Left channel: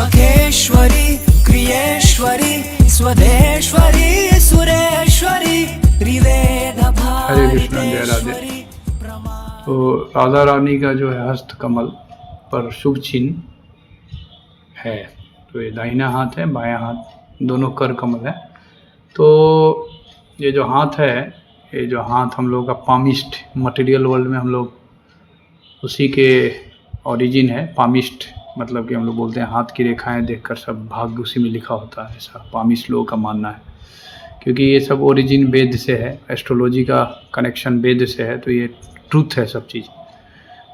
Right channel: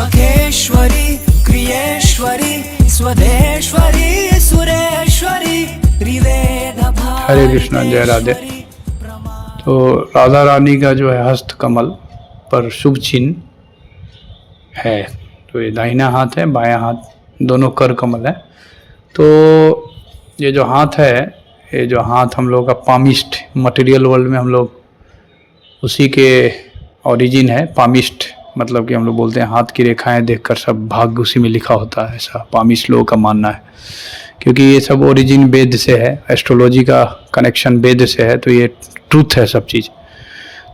मखेश्वरी क्रियेश्वरी स्वदेश्वरी सुरेश्वरी त्रिवेद हरे कृष्णा, जय राधे। तो राधा रानी का जो है हस्त कमल पर शुभ चिन्ह है। तो ये दाहिना हाथ है, बायां हाथ, दोनों कर कमल है। तो ये जो हाथ है, ये जो हाथ हम लोग का पामिस्ट, मटेरियल वर्ल्ड में हम लोग उसी के ओरिजिन है। पामिस्ट मतलब कि हम लोग बोलते हैं हाथ की रेखाएं देखकर सब भाग्य उसी में लिखा होता है, ऐसा पामिस्ट लोगों का मानना है। क्योंकि ये सब ओरिजिन वेद से है, एस्ट्रोलॉजी का कनेक्शन वेद से है, तो ये ट्रूथ है सब चीज़।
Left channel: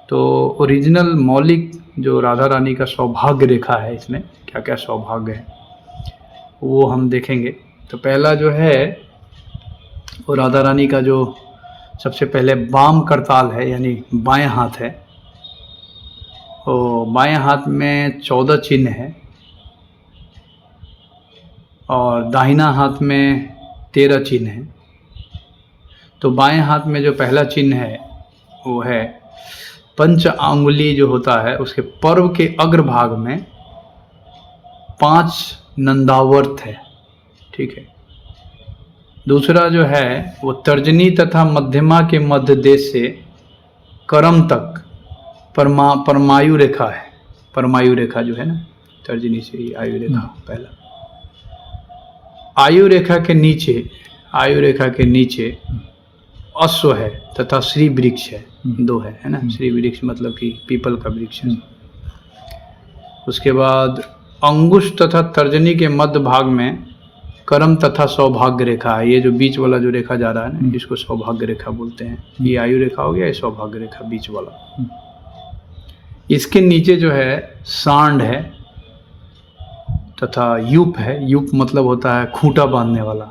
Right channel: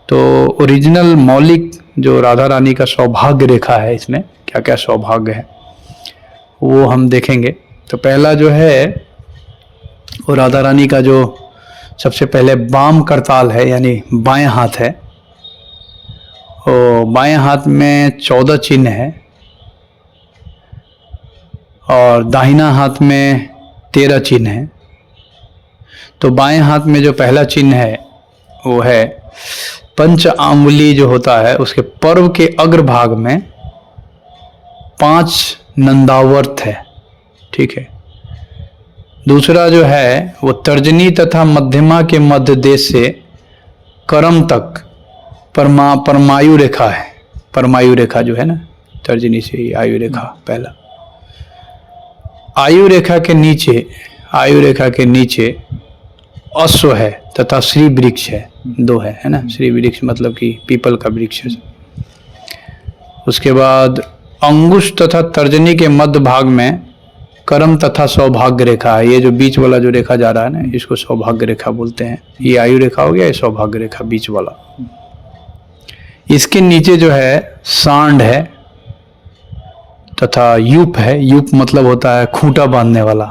तो ओरिजिनल मौलिक जो राधा रानी का सौभाग्य रेखा है, इसमें क्या क्या सौभाग्य है वो हम देखेंगे। तो पहला जो है वो राधा रानी का जो सबसे पहले वाम करताल है, यानी बाएं हाथ है। और बाएं हाथ में 14 चिन्ह है और दाहिना हाथ में 13 चिन्ह है। तो बाएं हाथ में जो पहला चिन्ह है वो है पंच आंगुली जो होता है, उसके पर्व के अग्रभाग में 5 नंदावर्त है, ठीक है। दूसरा जो है वो तर्जनी तथा मध्यमा के मध्य देश से करम तक परमायु रेखा है। परमायु रेखा जो है ना, तर्जनी से ही आयु रेखा पहला। आयु रेखा के नीचे, आयु रेखा के नीचे अश्व है तथा श्री वृक्ष है, 2 है ना। श्री वृक्ष मतलब कि पीपल का वृक्ष है। उसके बाद अंगुश तथा तर्जनी के मध्य भाग में कर्म तथा सौभाग्य रेखा है। ये जो बीच वाला जो रेखा जा रहा है ना, इसको सौभाग्य रेखा बोलते हैं। ये आयु रेखा हो गया, ये सौभाग्य रेखा बीच वाला। इसके नीचे जो है सांड है तथा यूप है। यूप मतलब होता है खूंटा बांधने वाला।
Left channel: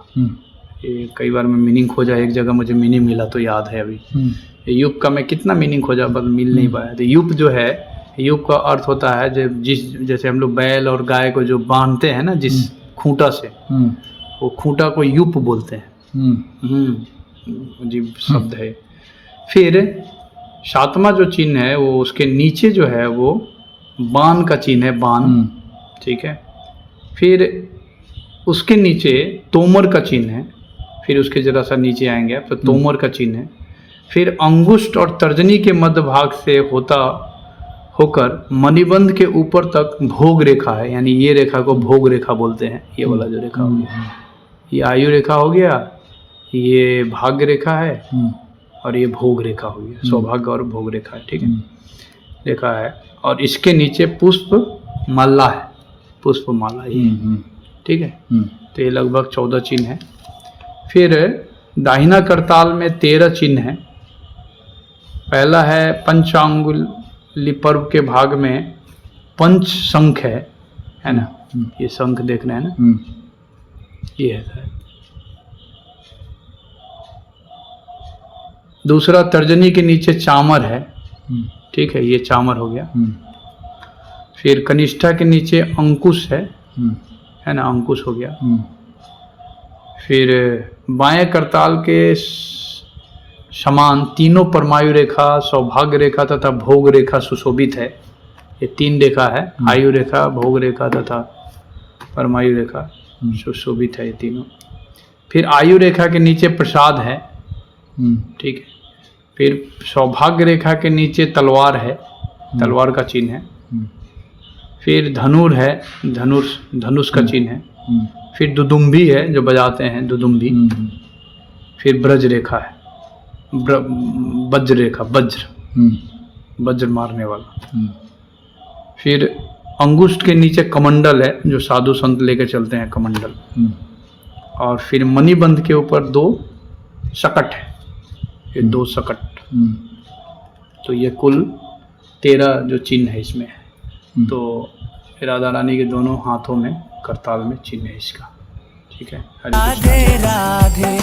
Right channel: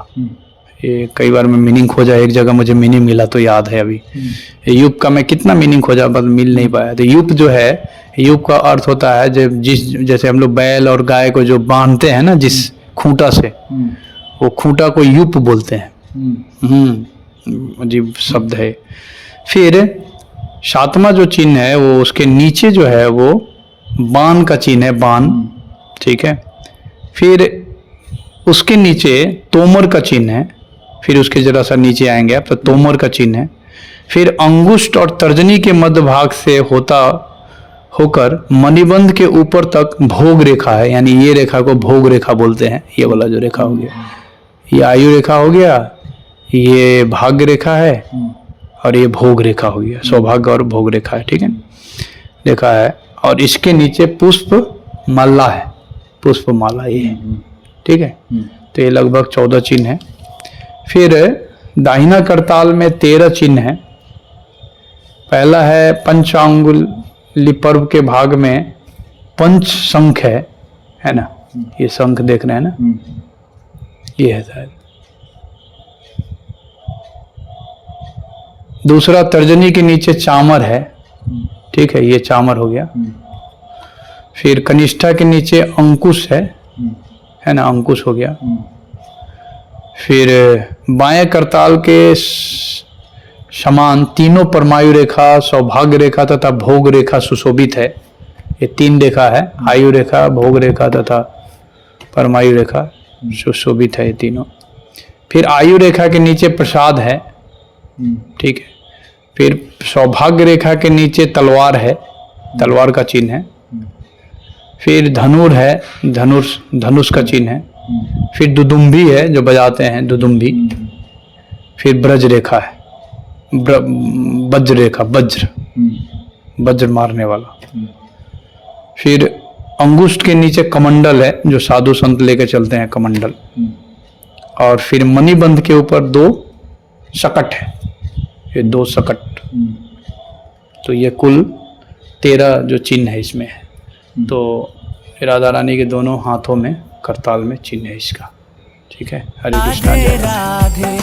ये कई बार मैं मीनिंग खोजा, एक जगह मुझे मीनिंग मिला तो याद है अभी। यूप का मैं कितना मीनिंग खोजा बस मिल नहीं पाया। तो यूप जो है, यूप का अर्थ होता है जैसे हम लोग बैल और गाय को जो बांधते हैं ना जिस खूंटा से, वो खूंटा को यूप बोलते हैं। अजीब शब्द है। फिर 7वां जो चिन्ह है वो उसके नीचे जो है वो बाण का चिन्ह है, बाण, ठीक है। फिर उसके नीचे तोमर का चिन्ह है। फिर उसके जरा सा नीचे आएंगे आप तो तोमर का चिन्ह है। फिर अंगुष्ठ और तर्जनी के मध्य भाग से होकर मणिबंध के ऊपर तक भोग रेखा है, यानी ये रेखा को भोग रेखा बोलते हैं। ये वाला जो रेखा हो गया, ये आयु रेखा हो गया, ये भाग्य रेखा है और ये भोग रेखा हो गया। सौभाग्य और भोग रेखा है, ठीक है, रेखा है। और इसके नीचे पुष्प माला है, पुष्प माला ये, ठीक है। तो ये लगभग 14 चिन्ह है। फिर दाहिना करताल में 13 चिन्ह है। पहला है पंचांगुली पर्व के भाग में पंच शंख है ना। ये शंख देख रहे हैं ना, ये है शायद। दूसरा तर्जनी के नीचे चामर है, ठीक है, ये चामर हो गया। फिर कनिष्ठा के नीचे अंकुश है ना, अंकुश हो गया। फिर बाएं करताल के समान तीनों परमायु रेखा, सौभाग्य रेखा तथा भोग रेखा सुशोभित है। ये 3 रेखा है, आयु रेखा, भोग रेखा तथा परमायु रेखा, सुशोभित है ये तीनों। फिर आयु रेखा के नीचे प्रसाद है, ठीक है। फिर सौभाग्य रेखा के नीचे तलवार है, तलवार का चिन्ह है। फिर धनुर है, धनुष का चिन्ह है। फिर दुदुम्भी है जो बजाते हैं, दुदुम्भी। फिर ब्रज रेखा है, वज्र रेखा, वज्र मारने वाला। फिर अंगुष्ठ के नीचे कमंडल है जो साधु संत लेके चलते हैं, कमंडल। और फिर मणिबंध के ऊपर 2 शकट है, ये 2 शकट। तो ये कुल 13 जो चिन्ह है इसमें है। तो राधा रानी के दोनों हाथों में करताल में चिन्ह है इसका, ठीक है। हरे कृष्णा। राधे राधे।